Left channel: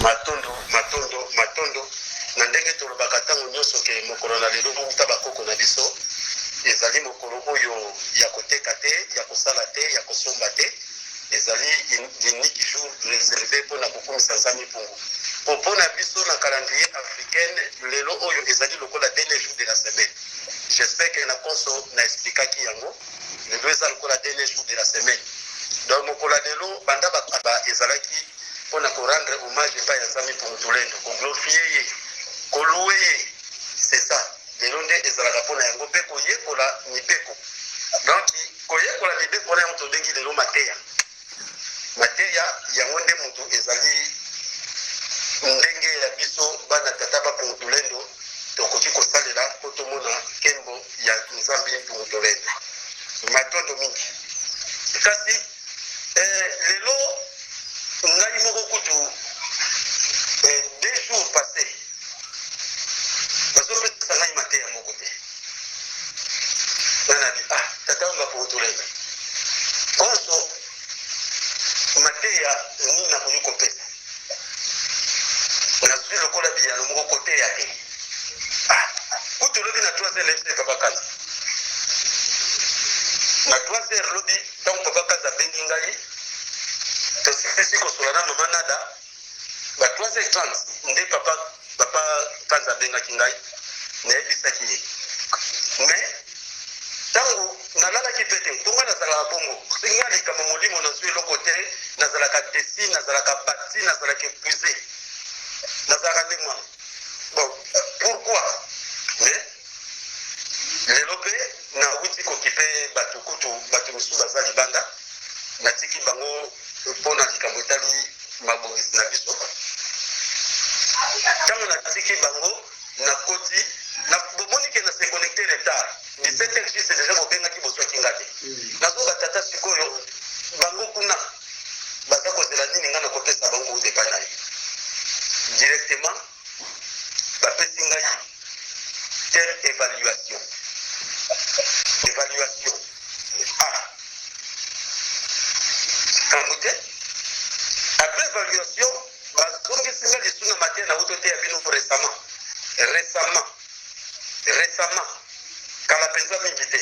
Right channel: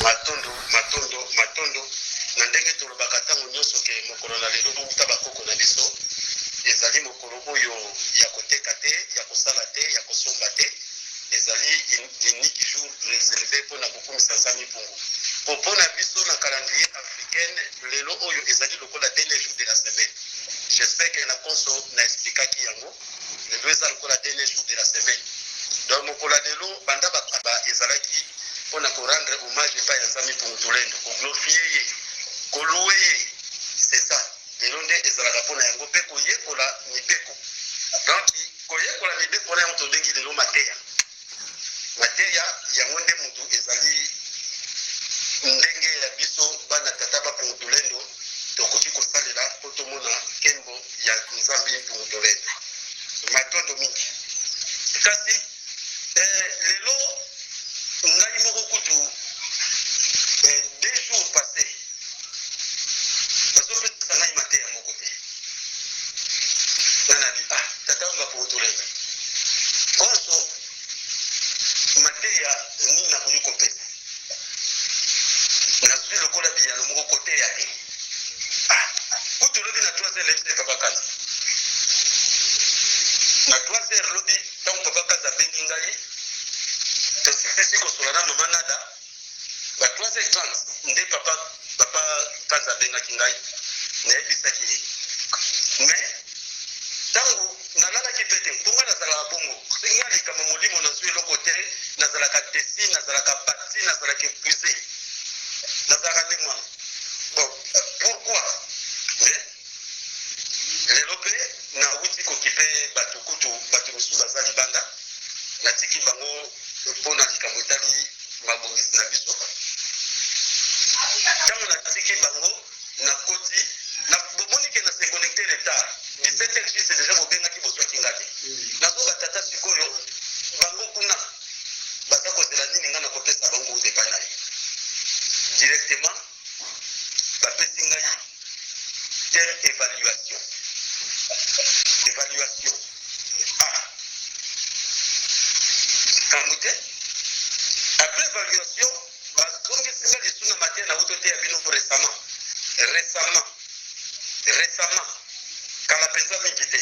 matondo na ndenge tolobaka ntango nyonso ke mokolo na lelo outa bakoko na biso ezali mokolo oyo ya koteka te, ya kosala te, ya kosomba te, ezali unique jour réservé mpona kokumisa nzambe mpungu. Mpona biso na calendrier africaine lelo oyo ezali lokola dernier jour de la semaine. J'espère que na konso na explikaki yango lelo eza lokola dernier jour de la semaine. Donc mokolo lelo banda ba ezalaki mpona korendre hommage epai ya nzambe mpungu tolendo, koglorifie ye, koloue ye, c'est ça. Lelo nde ezalaka mpona yango mpe koyekola mibeko. Donc koyekola mibeko na yango tobengi lelo mateya. Mateya yango nde moto ezali ndenge ya biso bana tata bapungu tolendo tokoki kosalela po tomona nkembo ya nzambe mpungu tolendo. Matondo mingi. Kasi lelo ngai moko kutu 2 jours passés bazopesa ngai mateya moko te. Nanabi tata nga mpungu tolendo konso mateya nini nakoki kopesa nazwi lokola biyano moko koteya te. Kutu lobi na 3 heures lebise papa kazi na 3 heures lobi ntango papa kazi abengi ngai tosisi kosola na mama nada ba 3h30 nde papa kazi abengaki ngai nayebisaki ye. Mais ntango nalalaki pete mponga nazalaka bongo soki ngai likambo molimo nazwi eloko te, nazalaka desi, nazalaka bati, nazalaka épuisé, nazalaka nde mwana. Bon, pourquoi? Mais lelo mpe nawuti kokipe bato kutu bato mosusu baza libanda natiki bango mpona likambo etali mabongisi na biso. Ntango natiki bango nakoti bomoni ke na se connecté retard 17h juste déjà bobengaki bozwaki nga te. nazoba tata sikoyo bango kuna baza kozela nini nga nakopesa bango odepa na ye directement bapesi ngai tel évaluation kamute. Après évaluation bazongisi nga lisu na mateya na uto te ya bino récemment kala mpenza mingi te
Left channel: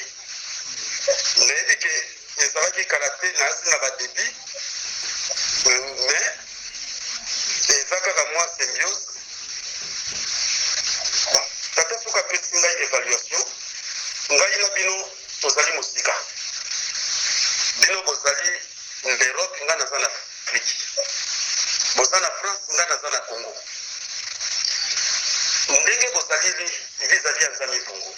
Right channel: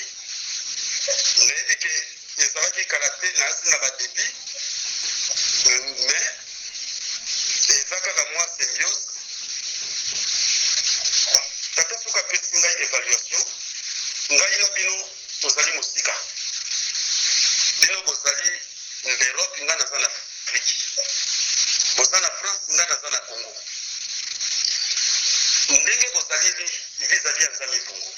nayebi ke ezalaki kala te naasi na badebi mais eza kaka mwa symbiose. Tata soki apesi ngai évaluation ngai na bino tozali mosika, bino bozali l'Europe ngai naza na Afrique, boza na France ngai naza na Congo. Ndenge bozali vis-à-vis ya nzambe mpungu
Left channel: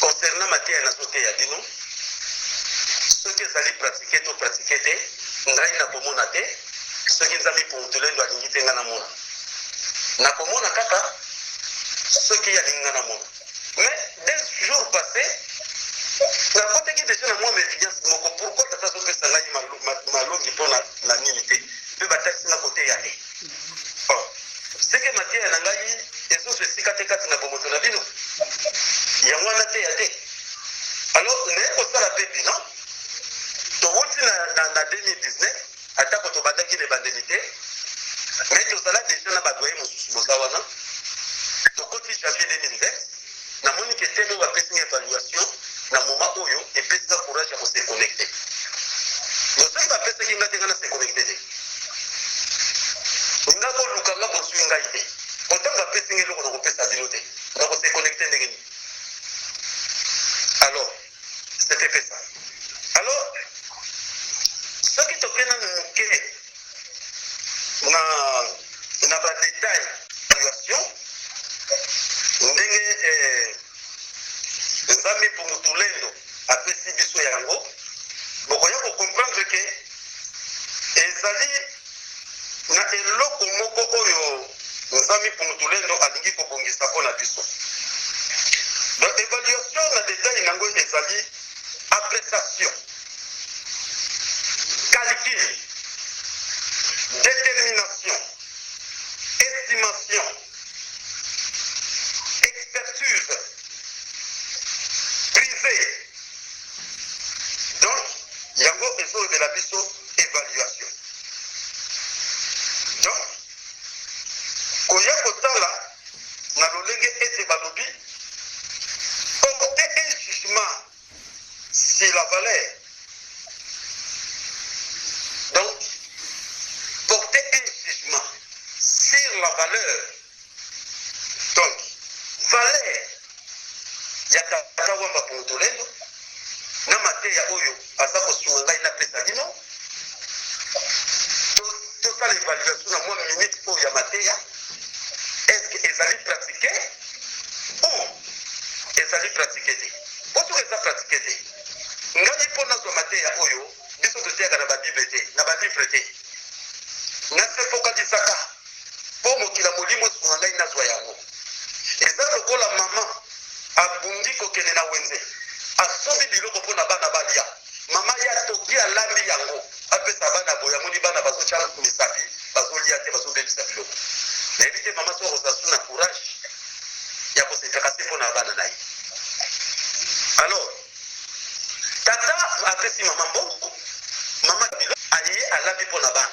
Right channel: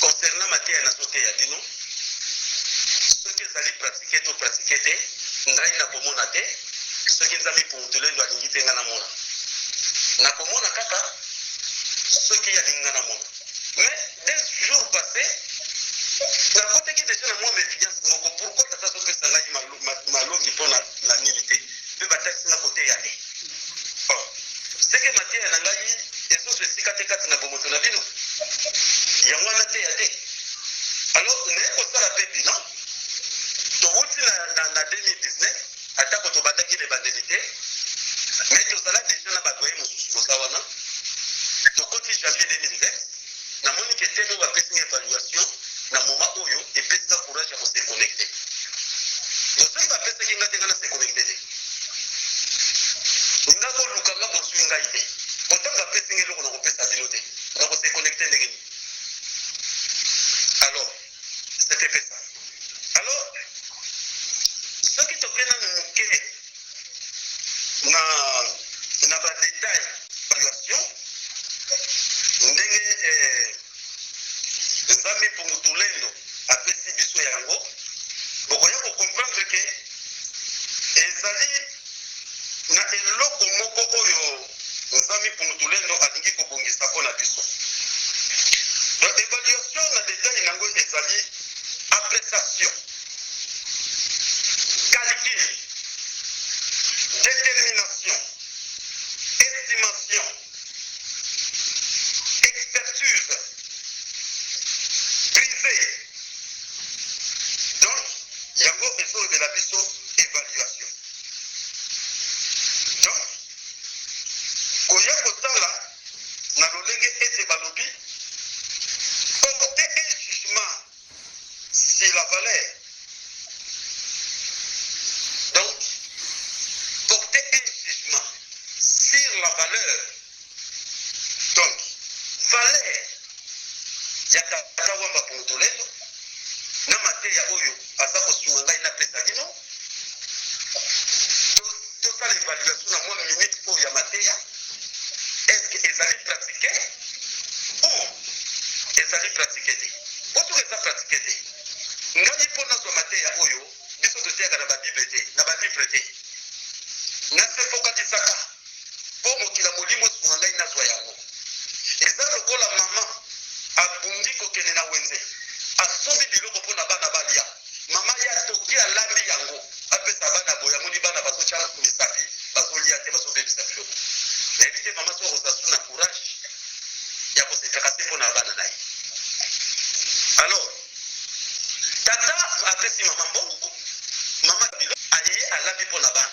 concernant mateya nazoteya bino soki ezali pratike to pratike te ngai nakomona te, soki nzambe mpungu tolendo alingi te ngai namona, nakomona kaka soki alingi ngai namona. Mais 2 jours passés nakoteki deja na mwa méfiance moko. Pourquoi tata azopesa ngai malongi mpona na nini te mpe batakisi nga koteya te? Seke mateya na ngai ezoso esika te kati na bomoto na bino yango wana teya te. Alors naye kosala mpe bilan towuti na 2019 atako tobandaki na ebandeli te, mais tozala deja na badoye mosusu boza wana. Tokoti janvier 2020 namoni ke teme bapesi nga évaluation na moma oyo epesi nga courage ya kose connecte. Soki bapesaki nga te nga na se connecte te nga koluka nga bozwi ngai te, otango bapesi nga eloko na kopesa bino te nga kose connecte ndenge nini? Alors c'était fait ça. Alors soki tokena moke na badetail évaluation ndenge nzambe mpungu tolendo apesi biso yango, bokoya kocomprendre ke ezali na eloko moko oyo nzambe mpungu tolendo alingi kobongisa mpona biso. Donc évaluation na détail nango ezali appréciation, calcul, détermination, estimation, expertise, privé. Donc yango ezolobela biso évaluation. Donc koya kotala na lolenge ete balobi porter un jugement sur la valeur. Donc porter un jugement sur la valeur. Donc valeur ya tata wamba Mutulendo na mateya oyo aza kosunga ngai na pesa bino tosala évaluation na mwa minute oyo ya mateya. Est-ce que ezali pratiqué ou ezali pratiqué te? Oto eza pratiqué te ngai mpo nazwa mateya oyo biso toteyaka na babible te na balivre te nasefokalisaka mpo mokila molimo esunga ngai nazwa yango. Eza lokola mama abungi kokende na wenze asombi biloko mpo na bana balia, mama ya toki alambi yango apesa bana boya moni bana bazotya misapi bazolia te bazobebisa biloko nayebi te mama so akosasu na courage ya kosepaka se mpo na bana na ye. Alors tata apesi mama mbongo, mama biloko aye alambi mpo na bana,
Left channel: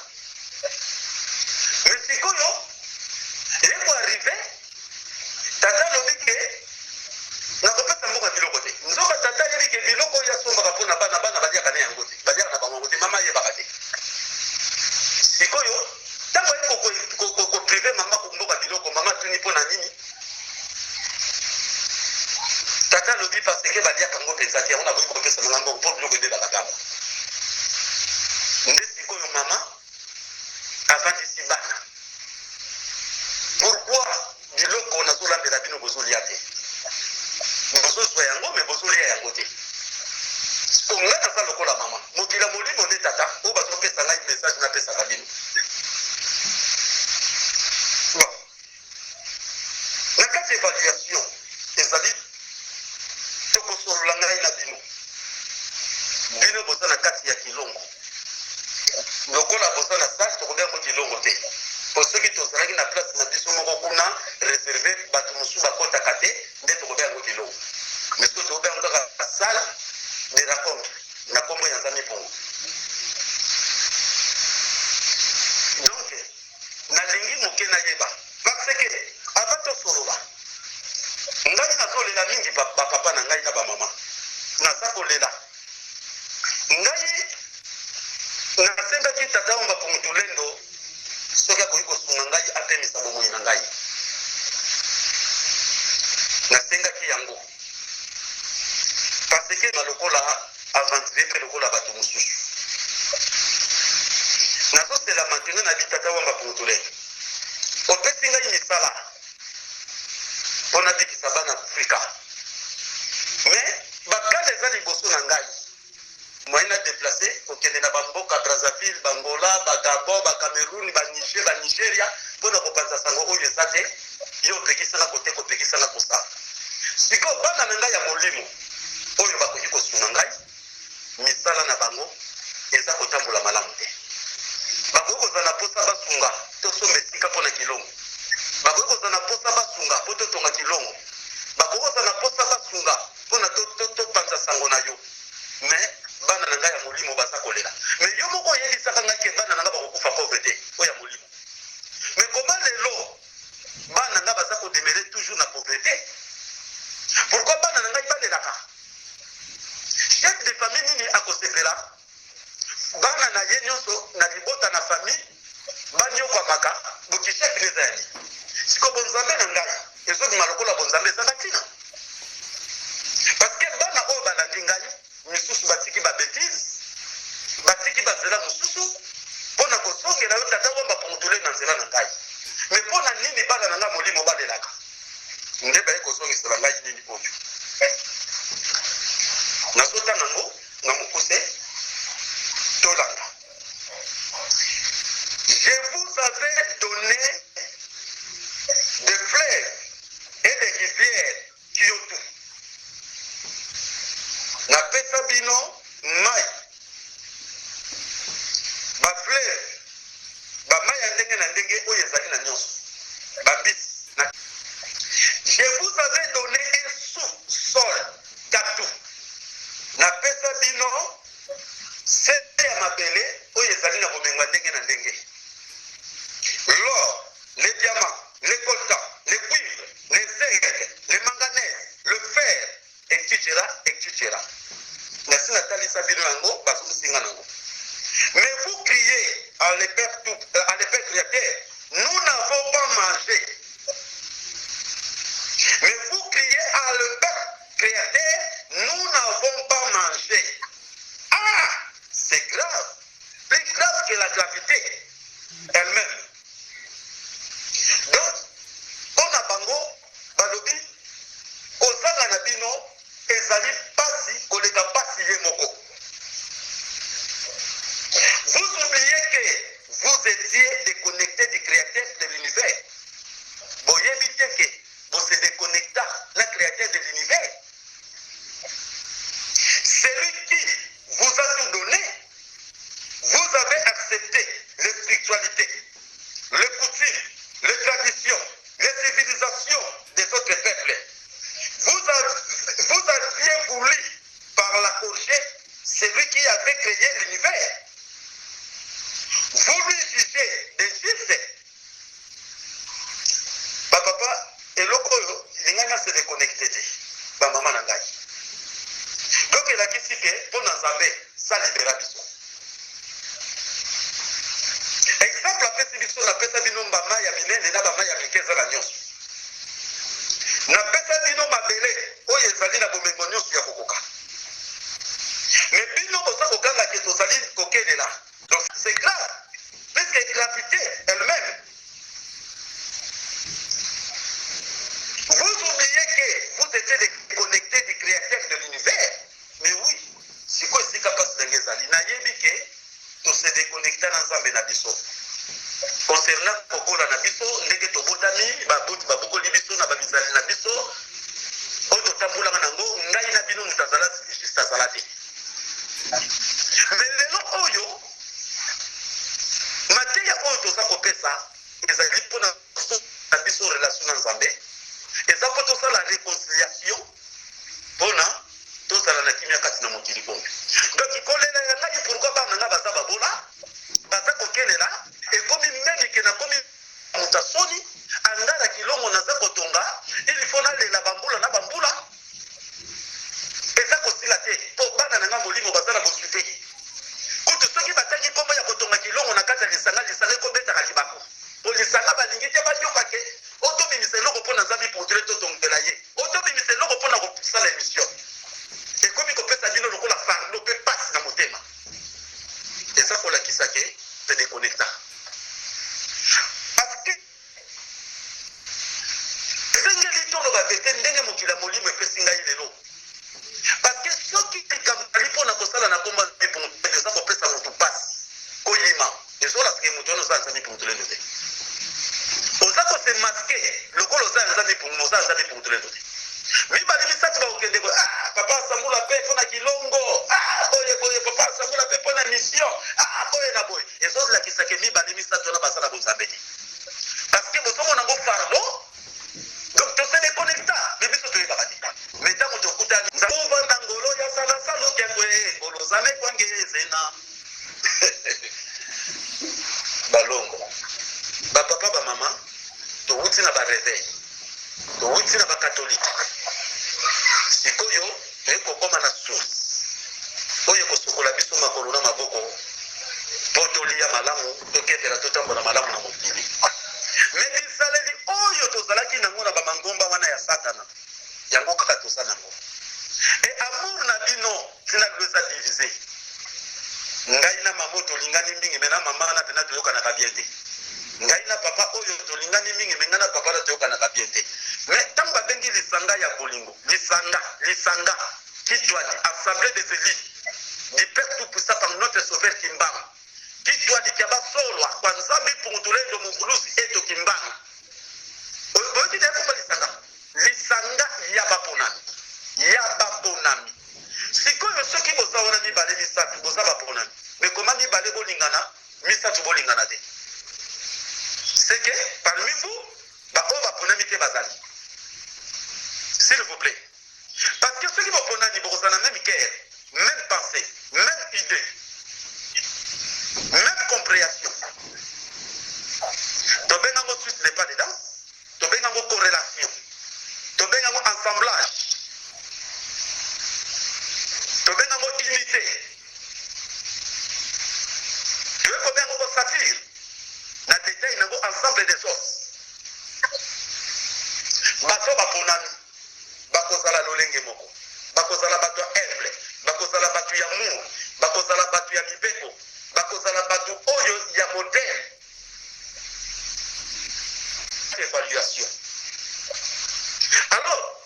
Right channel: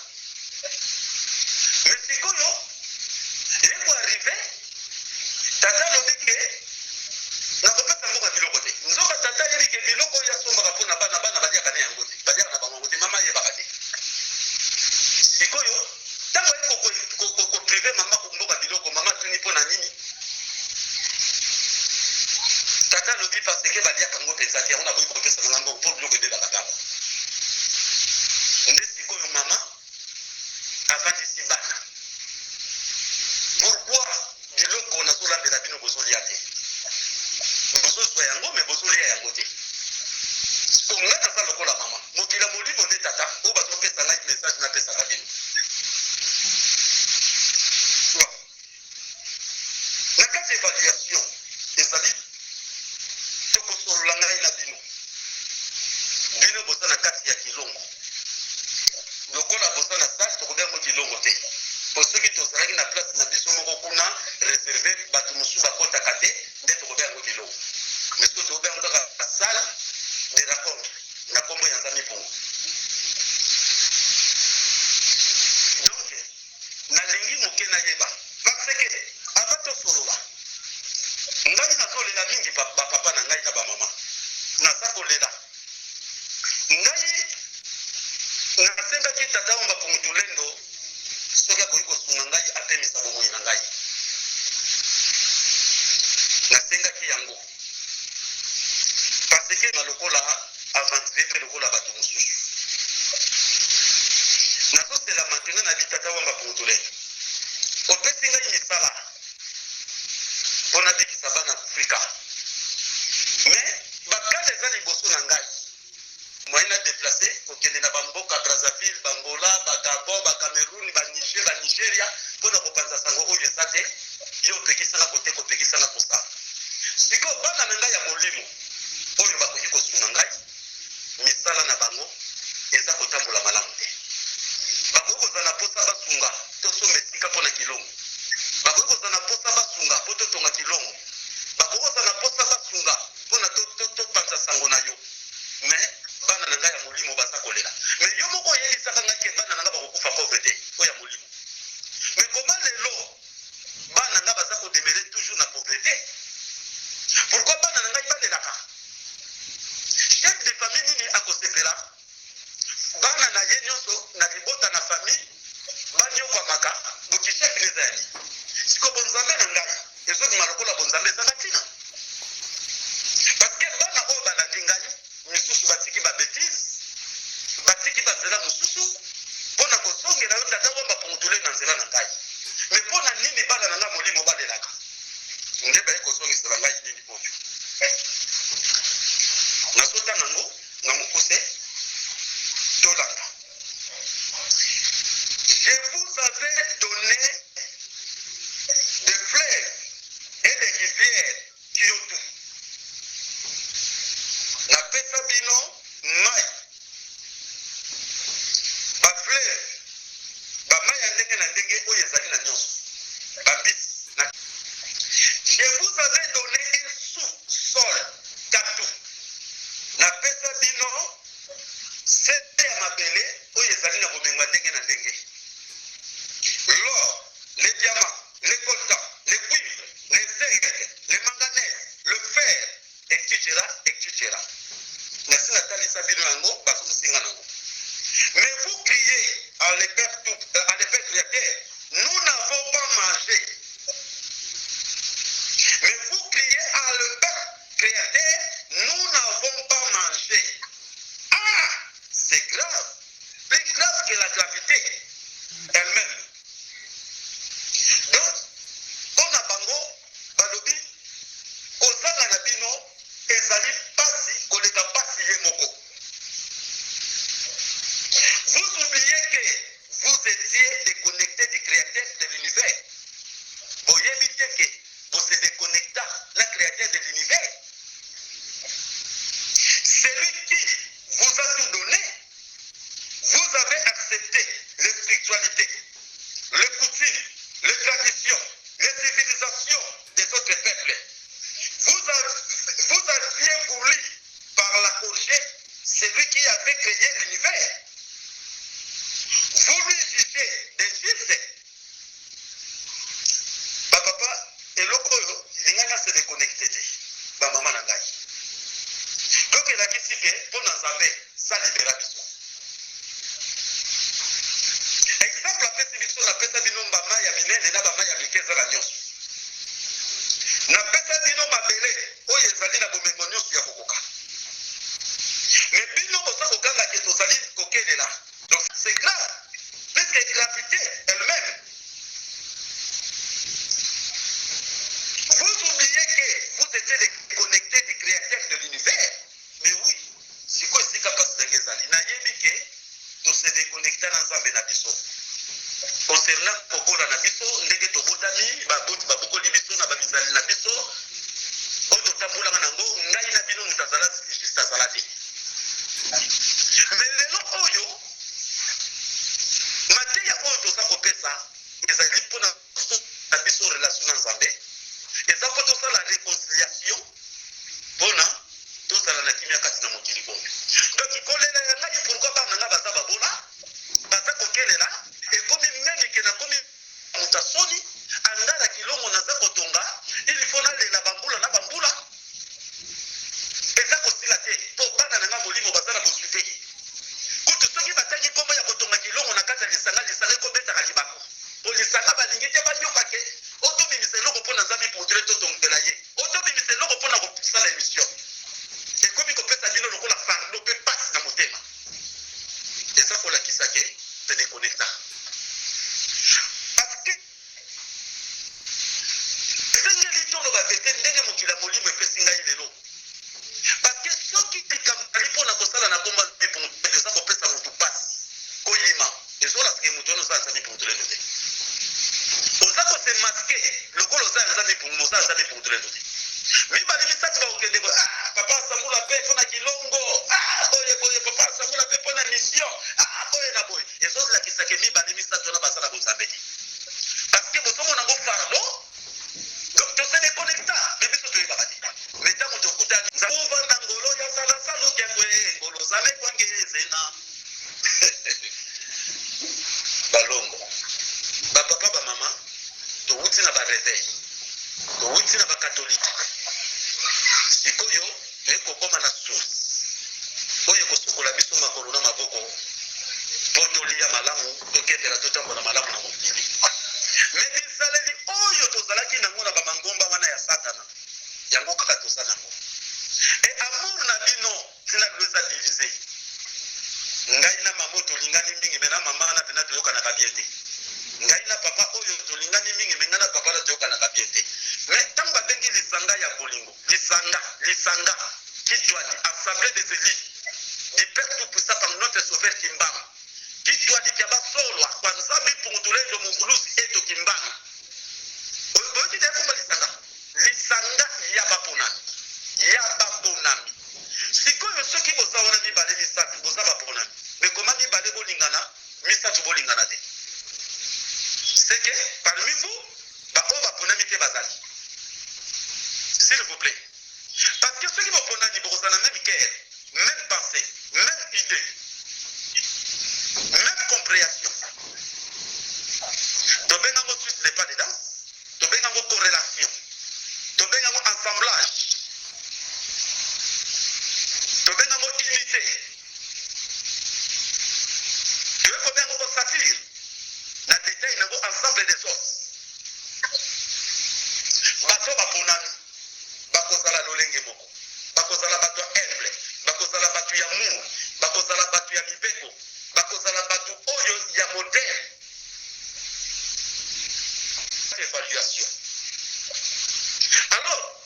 mais sikoyo eko arrive tata alobi ke nakopesa mboka biloko te. Nzoka tata yebi ke biloko oyo asombaka mpo na bana baliaka ne yango te, baliaka na bango te, mama ayebaka te. Sikoyo ntango aye koprive mama komboka biloko, mama atuni mpo na nini? Tata alobi parce ke baliaka yango mpenza te, yango nakoki kopesa nanga mbongo mpo biloko ebebaka kaka. Nde sikoyo mama avandisi bana. Pourquoi biloko nazolambela bino bozolia te? Bozozwa yango me bozolia yango te. Ngai naza lokola mama mokila molimo nde tata oyo bazopesa ngai message napesaka bino. Na kati évaluation ezali tokosolola ngai na bino, bino boza na kati ya kilongo lokola boza na sale tokobengo kilongo te. Po soki tozalaki na place na biso moko kuna réservé bato mosusu bakotaka te nde tokobengo kilongo, mais soki tokobengo kaka sale de rencontre na kombo ya nzambe mpongo. Donc nalingi moke nayeba parce que ava tosolola ngai nazolela mingi bapapa na ngai na bamama naza kolela. Ngai nasengaki tata wamba Mutulendo soki akoki kosunga ngai apemisa bomoi na ngai, nasengaki yango parce que nalokola avantire mpe lokola bato mosusu nazosela maintenant na bitata wamba Mutulendo opesi ngai misala mpo nabikisa bana Afrika, mais bakala eza liboso na ngai moyen na déplacé kokende na bamboka Brazzaville, Bangola, Bagabon, Bacameroun, Baniger, Banigeria mpo na kopanza sango oyo eza te yo opekisana kote kopekisana kosala. Sikoyo bana na ngai ya molimo oyo bakoki kosunga ngai misala na bango eza kotambola malamu te. Bakoki kozala na posa basunga tosomba esika mpo na kilongo, bakoki kozala na posa basunga mpo totonga kilongo, bakoki kozala na posa basunga mpo na topanza sango na yo, mais bana na ngai ya molimo baza kolela. Mais yo moko oyebisaka ngai ke bana na ngai bakokufa pauvreté oyo ya molimo, mais koma lelo bana ngai baza kodemere toujours na pauvreté? Pourquoi bana na ngai balelaka? Chef de famille nini akosepela bana na ye nyonso na libota na famille banyokwamaka bokichef neza ya nini? Siko bonzambe na ngai ezobima lokola bonzambe ezanga ntina, parce que bana oyo balandi ngai misusu batiki babétise batiki banzela mosusu mpo na kosongela yo tata wamba Mutulendo na nzela na ngai. Mais mpo na nini bana na ngai molimo balelaka? Nde baye kosongisela ngai nini oyo nazotanga ngo na mokuse tolanda. Je vous avais donné des fleuves et des rivières Kyoto. Napesa bino mai bafleuve bamai ya ndenge na ndenge oyo ezali na nyonso babisi. Je vous avais donné un sous-sol katou. Napesa bino sete ya mabele oyo ezali na bomengo ndenge na ndenge. L'or, les diamants, les bino yango bazomusinga nango. Mais vous criez à l'épée créateur, nous n'avons pas mangé. Mais vous criez à l'épée créateur, nous n'avons pas mangé. Ah, c'est grave. Plus grave que la gravité elle-même. Donc, on a bango, balobi, ozanga na bino, ezali pasi, koleka pasi ye moko. Vous oubliez que vous étiez déconnecté du créateur de l'univers. Vous évitez que vous êtes déconnecté du créateur de l'univers. Celui qui vous a tout donné, vous avez accepté les spiritualités, les coutumes, les traditions, les civilisations des autres peuples. Vous aviez voulu, par la corriger, celui qui avait créé l'univers. Vous lui jugez des justes. Papa, et l'oko, il y a se déconnecté. Maman nangai. Donc, il a dit que pour nous amener, ça libère bison. Exemple, la peste la peste bino mbama ya binene na bama ya mikeza la nyonso. Na peste bino mabele, oyo ezali na bomengo nyonso ya kokoka. Mais bino bosa kokanga ke tozali kokelela. Donc, c'est grave. Puisque gravité elle-même. Vous oubliez que vous étiez déconnecté du créateur de l'univers. Mais oui, c'est quoi ce capacité de Ngezali? Nayebi que to se déconnecter dans Nzambe na biso. Concernant Kokola na biso, ndenge to botami, babukoli biso na babizali na biso, oyo tambula nango, ngai na bino mutazala juste azala te. Mais lelo oyo mateya oyo toza kopesa ezali mpona na biso relation na Nzambe, eza mpo tosala réconciliation mpona tozala na kimia kati na mokili oyo. Donc kolela ya ngai pourquoi bana nga baza babola baza kokelela ekomi meme ke nakomi moto asoni angala kilongo naza kotonga il faut nalela bambula na bambula eza kosila te mpo bana na nga molimo baza na boswi te. Kutu soki batangi nkombo ya kotonga kilongo na kati ya lisanga ekobetaka libako po lisanga balingi te bayoka ke otobimisa eloko mpo na Nzambe pourtrait totongela ye otobimisa eloko mpo na kosala émission ekomi kopesa bino lokola fardo mpe pasi na motema eza kolakisa ke te déconnecta parce que esengeli toloba pete ndenge mokili ya molimo epesi ngai lelo parce que soki likambo mpo na kosala na komba eza kopesa motu pasi koyima ezolakike motu wana oza Nzambe pourtrait te oza kose maske lokolo oza Nzambe pourtrait te mibali misatu bakokende papa asambula mpe mpo na kilongo boye papa asambula mpe mpo na mission boye na boye ezolakisake mibali misatu wana baza na bonzambe te parce que bozomona ngo fardo donc tose déconnecta me biso toyebaka te me ntango tokutani ovanda ngolo ya salasalo kyangwe ngolo zame kwangezena balongo bapapa bamama towuti na bareveil towuti na bakatolike sikoyo ekokoma na source oyo ekosukola biso makolo na maboko mpo tolia malamu tokendela totambola malamu na mokili. Me bisaleli oyo tozalaki nango na bamangomba wana ya satana yango kaka toza nango e amour na bino tina bilo eza divise. Ngai na mama tolingani mingi me na mama wana pena toyokanaka bien te. Ngai na papa oyo tolingani mingi me ngai na papa wana toyokanaka bien te. Mais ntango babengi lisanga ya bolingo lisanga kitwadi assemblée des élites du père tout puissant par notre sauveur Kimbanga kitwadi kya basolwa kwa Nzambe pungutulendo mungulusi eto Kimbanga oyoki te kumba lisanga ya baponami sikoyo soki boza wana mibale misatu boza baponami mais koma mibale bolingana misatu bolingana te c'est que parmi vous baoyo baponami te bazali. S'il vous plaît. Parce que ceux qui vont prendre la même cœur, même pensée, même idée, même compréhension. Tu bien en Suisse n'est pas dedans. Tu bien en corrélation. Tu bien en assemblage. Tu bien en unité. l'ensemble des os. Bato baponami bakozala lolenge moko, bakozala bato ya humble, bakozala bato ya amour, bakozala bato ya mibeko, bakozala bato oyo ya moderne. Évaluation. Alors,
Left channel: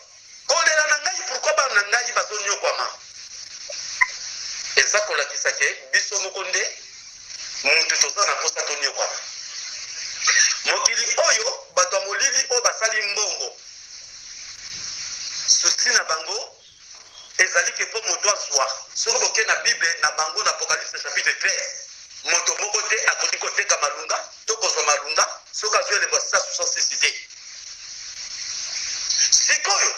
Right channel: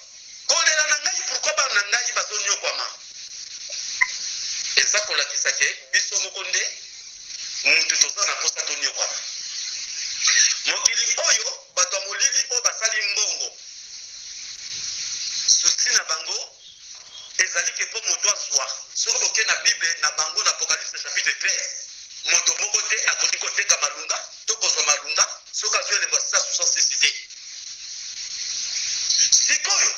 kolela na ngai pourquoi ba na ngai bazonyo kwama? Eza kolakisa ke biso moko nde muntu toza na posa tonyo kwama. Mokili oyo bato ya molili oyo basali mbongo susi na bango ezali ke mpo moto azwa soki boke na bible na bango na Apocalypse chapitre 13 moto moko te akoki koteka malunga to kozwa malunga soki azwi elembo ya 666 te. Sikoyo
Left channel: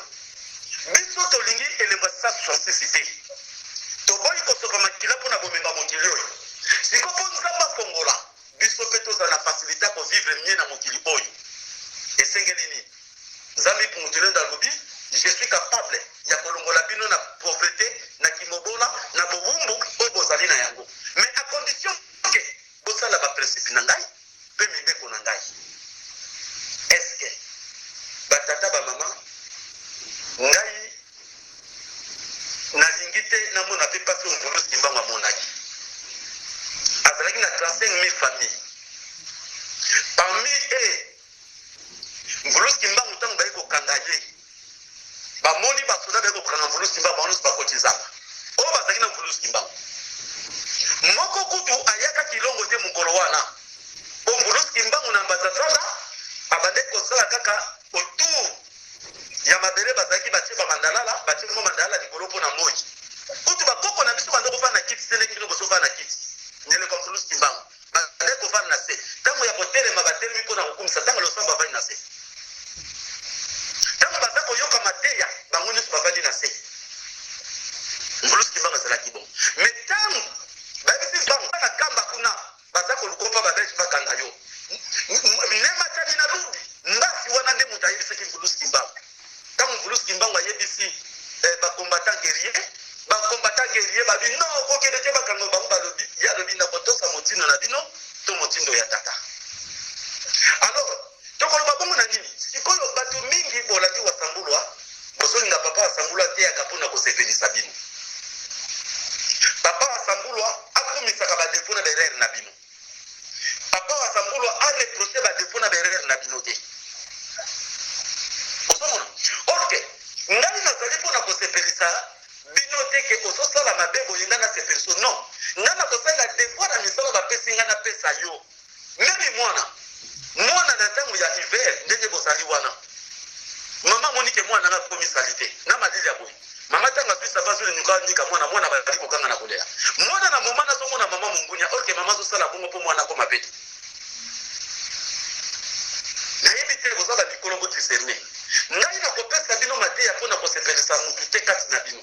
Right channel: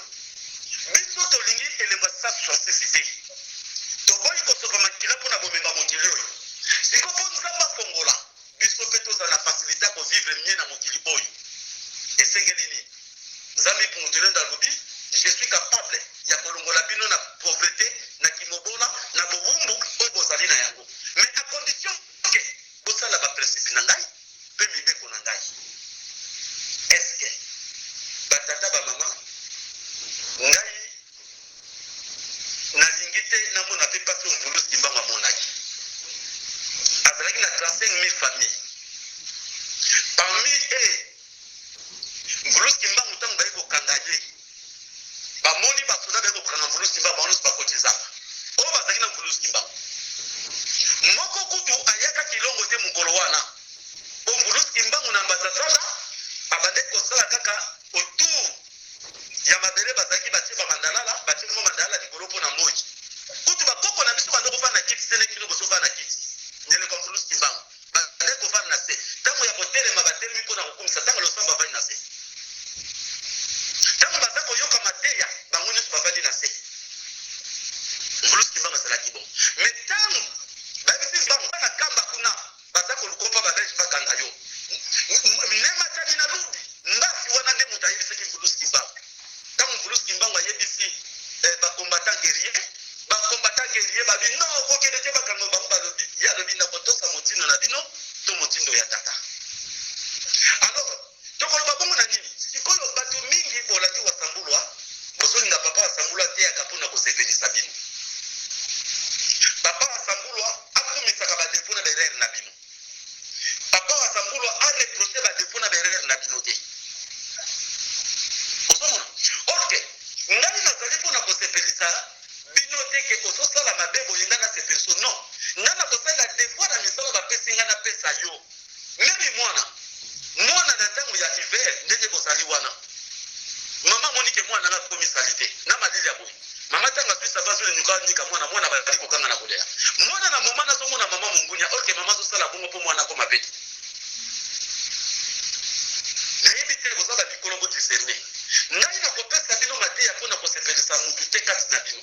biso tolingi elembo ya 666 te, toboyi kosopa makila mpo na bomemba mokili oyo. Sikoyo mpo nzambe afongola biso mpe tozala na fasilité kovivre mie na mokili oyo. Esengeli nini? Nzambe mutulendo alobi je suis capable ya kolongola bino na pauvreté, na kimobola, na bowumbu oyo bozali na yango, mais à condition ke bosala baprincipe na ngai mpe mibeko na ngai. Eske batata bamama ngai nalingi te namona mpe mpasi oyo Mvulu Simbangu amonaki azalaki na 35 000 famille. Parmi Mvulu Simbangu ntango baye kokanga ye bamoni basoda baye kokanga Mvulu Simbangu bango nyonso bakotizaka oyo bazalaki na Mvulu Simbangu. Moko kutu ayaka kilongo te mokolo wana o Mvulu Simbangu na ambassadeur abande kosala kaka autour ya mabele bazalaki batie bamandalala batie mo mandalala likolo mpo na moi kutu bakoko na biso bande kofana na kiti seleki bino bosofana na kiti nyeleka Mvulu Simbangu bande kofana na se ntango ya kotelema batelemi mpo na kokumisa ntango losambo bavandi na se ntango baza koyoka mateya bango nyonso bavandi na se. Mvulu Simbangu azalaki bon mais ntango bayebisi bango na kamba kuna baza kolukopa babelge bakanga yo nema tani na ludi mbasi wana nde moto ayebisaki Mvulu Simbangu. Ntango Mvulu Simbangu ayebisi bakombata guerrier babi no okokende te bakanga bango balobi ya lobi na kotosa motindo na bino to motindo ya tata. Alors tokoloba bongo na nini? Sikoyo bato mingi bolaki wasambulwa bozolinga papa wasambulwa te yaka mpona kosepelisa bino. Papa wasambulwa akumisaka badefo na berere na bino. Papa wasambulwa areproche badefo na berere na bino te. Osomona orke ngai nazali mpona kosepelisa bino te ke ozosala mabe boye nga nasepeliso non nga na kosala devoir na misala bapesi nga napesa yo memi mwana na ntango ya hiver ndenge bozali wana mama monike mwana nga komisali te na malili ya boye mama ntango azwi sava zolenyuka nika mwana bazali kokanga na koleya mwana na moma nazomona mama mongunya orke mama azosala bongo mpo mwana ko mabe nayebi te boza bamikolo botiserne ngai nakopesa bino mateya mpo na kosepelisa mutu te kati na bino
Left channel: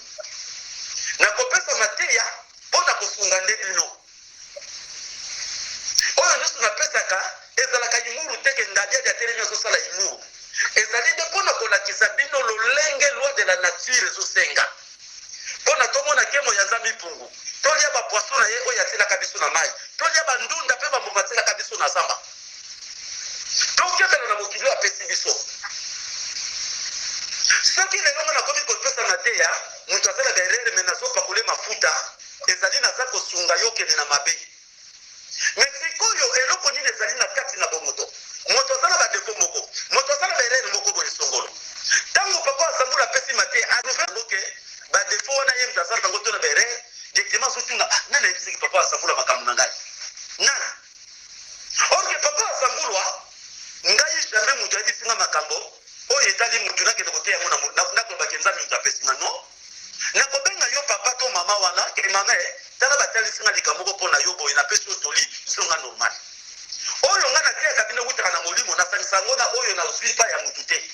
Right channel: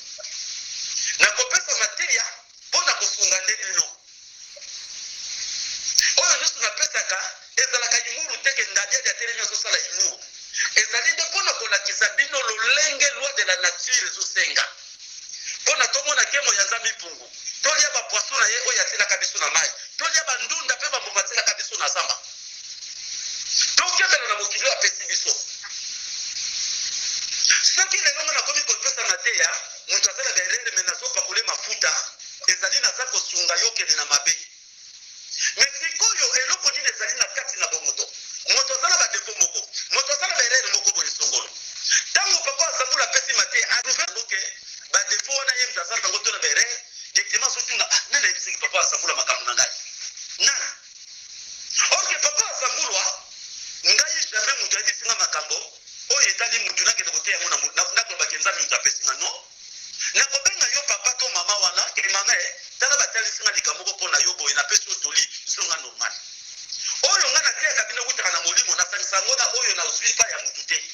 nakopesa mateya mpo na kosunga nde bino oyo nyonso napesaka ezalaka imuru teke ndadiadi atelemi azosala imuru ezali nde mpo na kolakisa bino lolenge loi de la nature ezosenga mpo na tomona nkemo ya nzambe mpungu tolia bapoiso na ye oyo atielaka biso na mai tolia bandunda mpe bamboma atielaka biso na zamba tokebela na mokili oyo apesi biso. Soki lelo nga nakomi kopesa mateya moto azala berere me nazopakole mafuta ezali naza kosunga yo kende na mabe. Me sikoyo eloko nini ezali na kati na bomoto moto azala badefo moko moto azala berere moko boye songolo ntango papa asambula apesi mateya aruveloke badefo wana ye moto azala bango to na berere directement azotunga nani ayebisaki papa asambula makambo na ngai nani orke papa asambulwa ngai jamais moto ayebisinga makambo oyo etali mutu nakende koteya yango nakolobaki nzambe moto apesinga no nakobenga yo papa to mama wana ke mama tala batalisinga likambo moko mpo na yo boye napesi yo toli songa normal oyo nga nateyaka bino wutaka na molimo nasangisa yango na oyo nazwi pa ya mutu te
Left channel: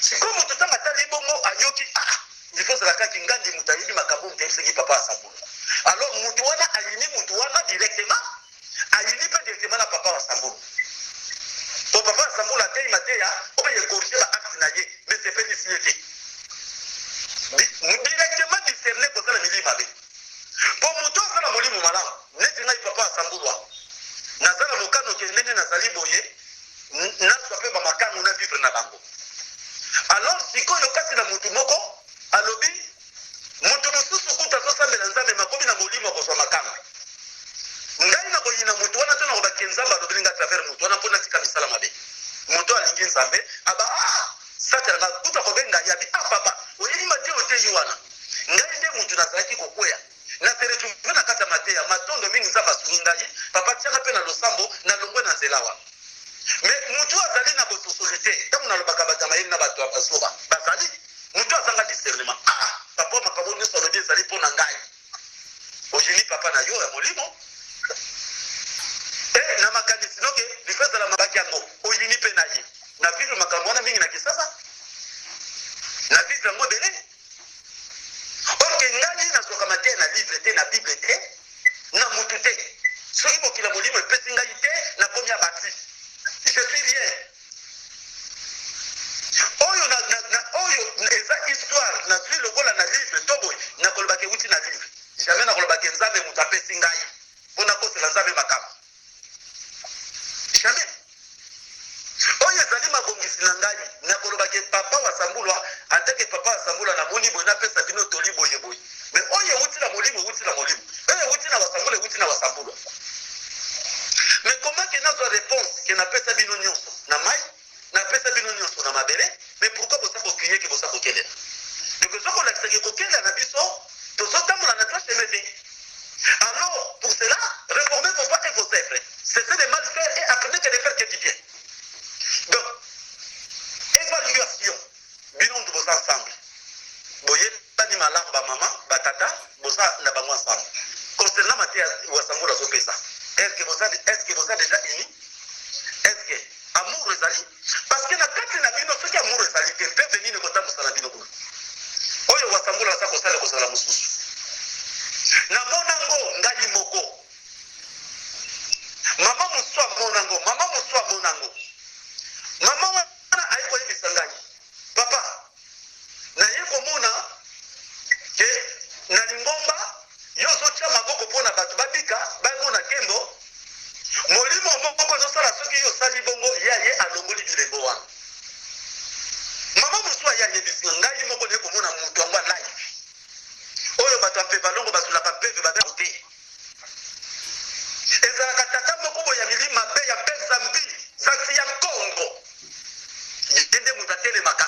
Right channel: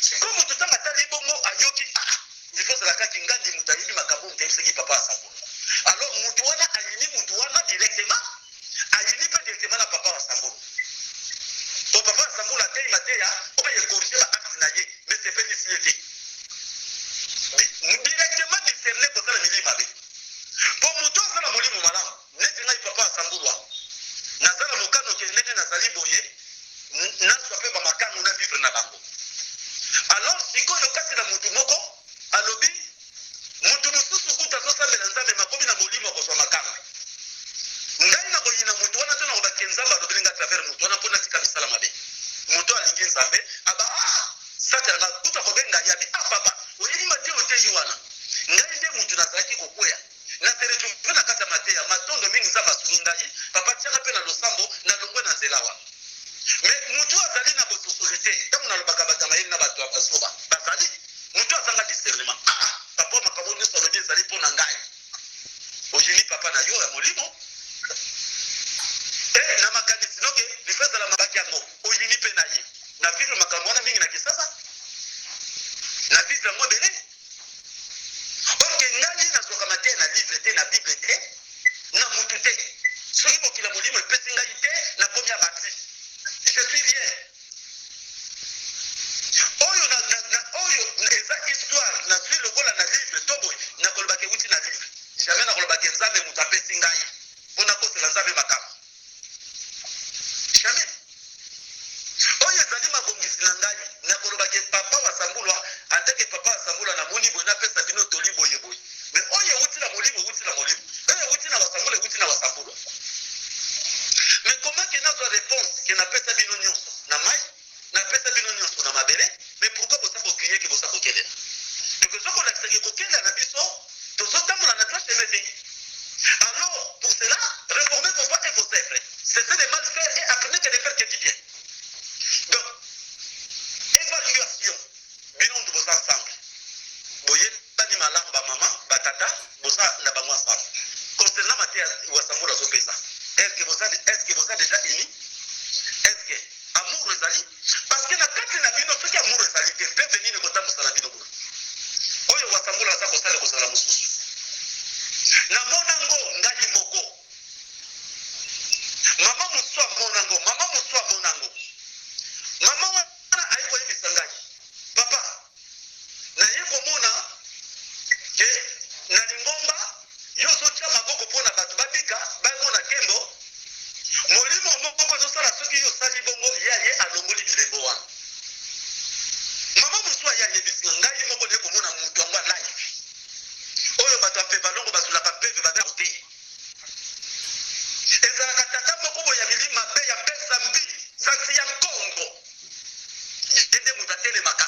sikoyo moto ntango atali bongo ayoki ilfo ozalakaki ngandi moto ayebi makambo moto ayebisaki papa asambula alors mutu wana ayini mutu wana directement ayini mpe directement na papa asambula to papa asambula atei mateya oyo ekorige baacte na ye mais sepelisi ye te directement discerne kozala milimo mabe mpo moto azala molimo malamu neti ngai papa asambulwa nazala mokano ke ndenge nazali boye bango. Alors sikoyo kasi na mutu moko alobi mutu mususu kuta tosambela nzambe makomi na molimo kozwa makanga. Ngai na koyina mutu wana tona kobaki nzambe alobi nga travers mutu wana mpona tika misala mabe. Mutu alingi nzambe aba sata nga kuta kobenga yabi papa oyini mate oteyi wana. Ngai nde mutu nazalaki kokwea. Na teretu na kata mateya matondo mingi nzambe asungi ngai papa tiaka mpe na losambo na longwe na nzela wana. Mais mutu azali na bososolite ntango nalobaka bato mayeli na bato ya basoba bazali mutu azanga discernement papa makambo nyonso alobi ezali mpo na ngai ojini papa na yo ya molimo na makanisi noke lifo ezala mabaki yango oyini mpe na ye na vivre makambo wana mingi na kisasa na vivre yango ebele orke ngai nazwaka te na livre te na bible te na mutu te soki mokila molimo epesi ngai te nakomi ya bati. Je suis bien. Oyo eza histoire na vie lokola na livre toboy na kolobake wuti na livre. Jamais na kolobake nzambe mutu apesi ngai mpona kosela nzambe makambo. Jamais. Oyo ezali mabongisi na ngai na kolobake papa wa sambulwa ateke papa wa sambulwa na moni boye napesa bino toli boye boye. Mais oyo wuti na molimo wuti na molimo. Oyo wuti na wasambulwa wuti na wasambulwa. Mais comment que notre réponse que n'a pas sabino nyonso na mai n'a pas sabino nyonso na mabere mais pourquoi vous savez crier que vous savez quel est donc ce qu'on a que quel est na biso tout ça dans la nature c'est alors pour cela réformer vos pas et vos œuvres cessez de mal faire et apprenez que de faire que du bien donc évaluation bilan de vos ensemble boye bani malamba maman batata bosa na bango ensemble concernant matière wasambula zopesa. Est-ce que vous êtes déjà unis? Est-ce que amour ezali? Parce que na kati na bino soki amour ezali te peut venir ne kota musala bino kuna. Oyo wasambula sa kosala kosala mususu. Na monango ngai moko. Mama muswa monango, mama muswa monango. Mama wana ayiko yebisa ngai. Papa, na yeko mona ke na lingomba yoso tia maboko mpona bato babika bango na kembo molimo moko azosala soki yo osali bongo ye alongoli bilembo wana mama mosusu ayebisi ngai moko nde komona moto yango alive oyo bato ampe balongo basulaka mpeve babeko te ezalaka tata moko boye ya milima mabe ya bezambi zasi ya kongo ye nde moto atelemaka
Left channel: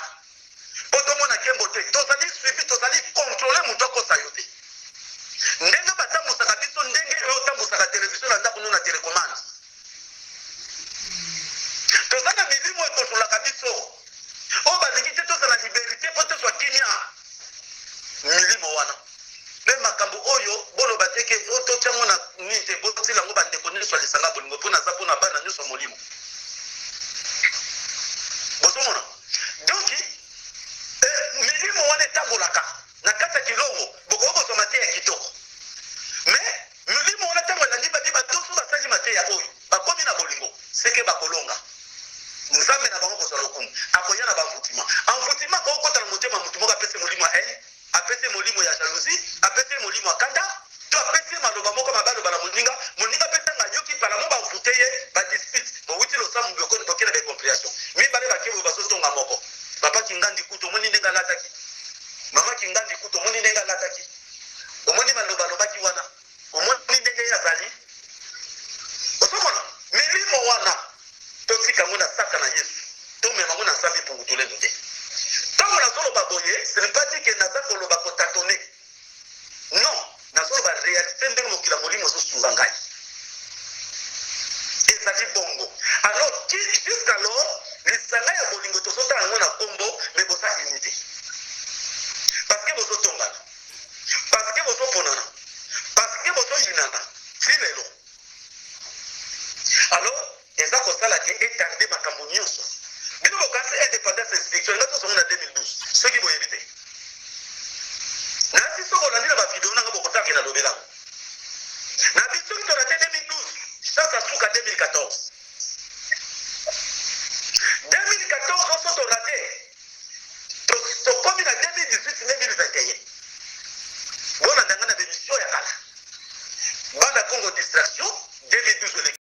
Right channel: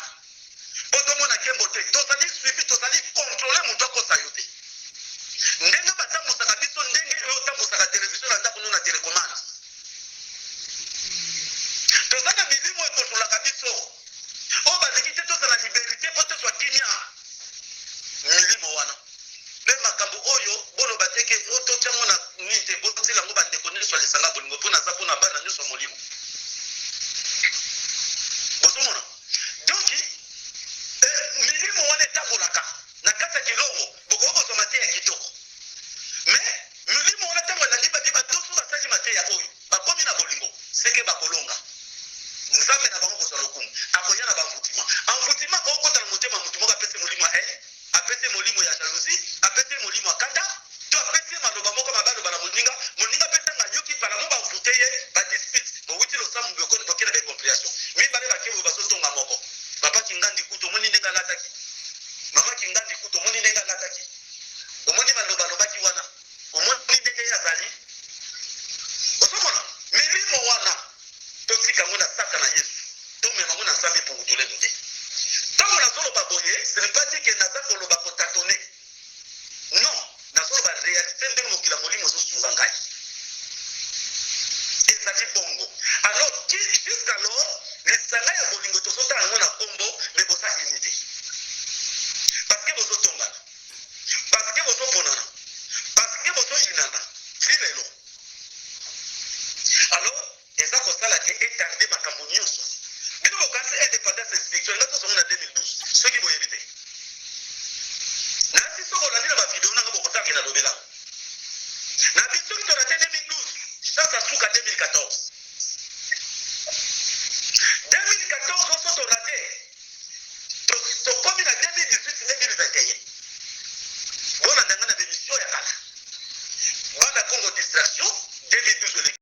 mpo tomona kembo te tozali suivi tozali kontrole moto akosa yo te ndenge batambusaka biso ndenge oyo otambusaka televizio na ndako na telecommande toza na milimo ekontrolaka biso oyo balingi te tozala liberté mpo tozwa kimia milimo wana mpe makambo oyo boloba teke totiango na nini te botila yango bandeko nyonso ya lisanga bolingo mpo naza mpona bana nyonso ya molimo bozomona donc milimo wana etambolaka na kati ya kilongo bokobozwa mateya ya kitoko mais milimo wana ntango elandi babiba toso basali mateya oyo bakomi na bolingo seke bakolonga nzambe na bango kozwa lokumu akoya na bamvutima amvutima kokota na motema motu moko apesi molimo ya haine apesi molimo ya jalousie apesi molimo ya kanda to apesi maloba moko mabaloba na moninga mpe ntanga yoki palamo bavute ye badispute bowuti losamu bokena bacompréhension mibale bakebo bazotonga moko papa kingandi kutu omoni ndenge alataki mama kingandi kutu omoni ndenge alataki omoni maloba alobaki wana omoni ndenge azali osomona milimo wana totika ngo na saka na yesu tomema ngo na nzambe pungutulenu te ntango nazoloba boye ce n'est pas dit que naza koloba kotatone non nazoloba réalité ndenge mokila molimo ozosunga ngai ezali bongo alors jusqu'alors lisanga ya bolingo tozotala yango na kombo me boza unité parce que bozotongana parce que bozoponana parce que bozoyinana ti lelo alors eza kosala te etarde makambo nyonso bino bokanisi indépendance spirituelle nga tozongo na 2012 soki boyebi te nasi soko olandi na bavideo nanga bokosalaki na lobelango na bisoki tolate 2012 sasa suka 2014 2014 oso tolate tokomi na 2018-2021 bona ndanga na bémission ya kala banda congo distraction 2012